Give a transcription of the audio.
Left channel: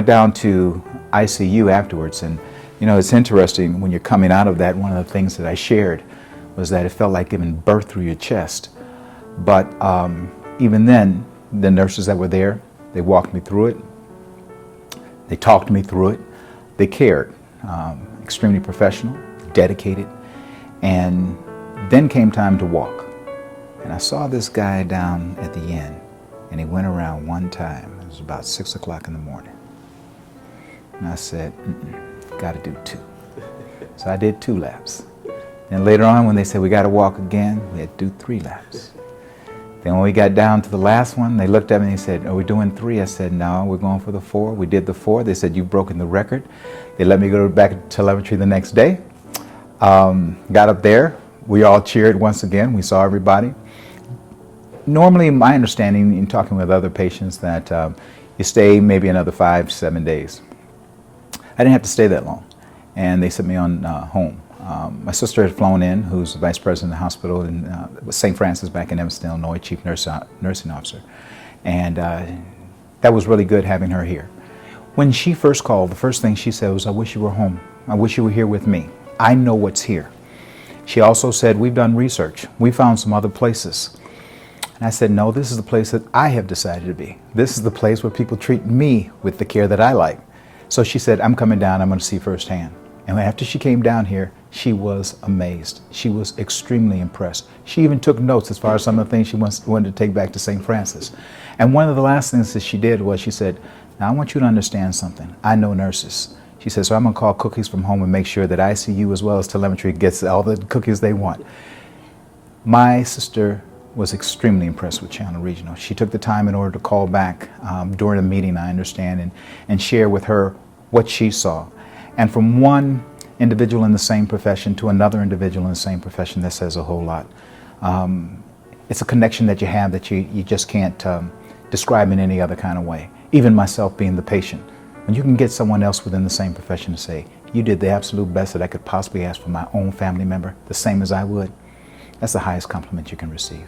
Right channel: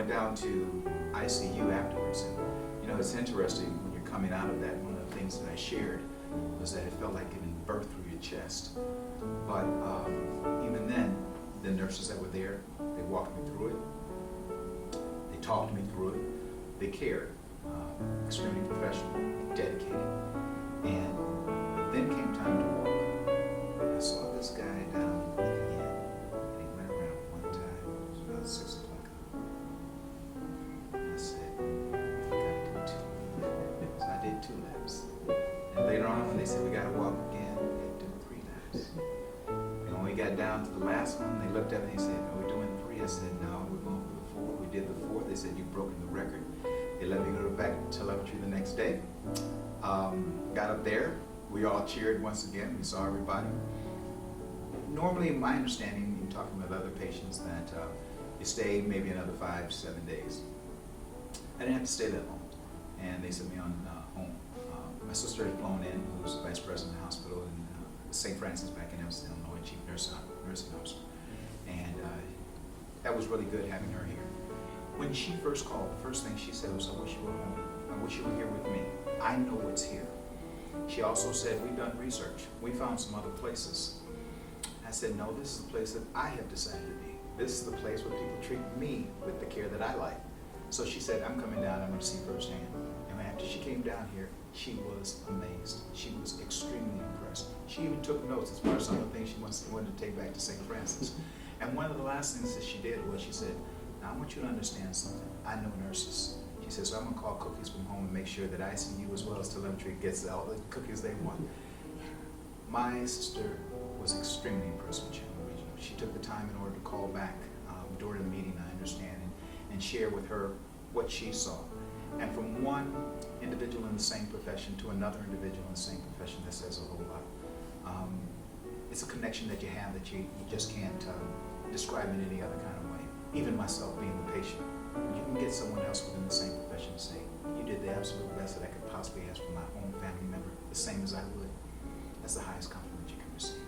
went down to ICU afterwards, and you know, it's interesting when you're coming out of that, one of the things that I shared was that it felt like giving birth through your chest. But even then, the nurses that were there, they walked me through it. They talked me through it. They cared. Extremely professional, dedicated. And then came time to walk. And I saw this guy down at the end, and he went around one time. It was about 6 o'clock in the morning. And I said, got to do 2. So I did 2 laps. And later on, when they said we got to walk again, we had to do 3 laps. Then when we got down to the last one, they looked at me and they said, are we doing 3? I said, no, we're going for the 4. We did the 4. They said, you've broken the record. They let me go back to telemetry the next day. Got up there. We all cheered once again. We saw everybody. Normally, my understanding in talking with other patients that you stay maybe another 5-7 days. I didn't have to stay that long, and they sent me on home. My sister had flown in, who's the vice president of the hospital in St. Francis back in Evanston, Illinois, chief nursing officer. And that was really good having her here. When she first called, the first thing she said was, I wish you were home. I wish you were here with me. I know what's here. She also said, we've done research. We found some other places. And I said, no, this is the place that I have decided to be. This is the place where people treat me with the care that I like. So she said, I'm coming down, I'm going to see firsthand. And after she came down here, she was amazed. She was extremely impressed. She even took notes as far as some of the things she wanted to take back to St. Francis. And one of the last things that she did was she said, now I want you to understand something. I know nurses. She said, so I'm going to call Cookies from home and make sure that ICU as well as telemetry gets all the cookies they want. My sister was extremely impressed with Chandler Regional. She took the time in order to call back during a meeting, I understand, and share with her what she saw. And from one individual in the same profession to another individual in the same profession, that says a whole lot. It's a connection that you have that you just can't describe in any other kind of way. Even myself being the patient. When you can get someone else within the same profession to say, you did the absolute best that I could possibly ask for my own family member, the same as I would, that's the highest compliment you can receive.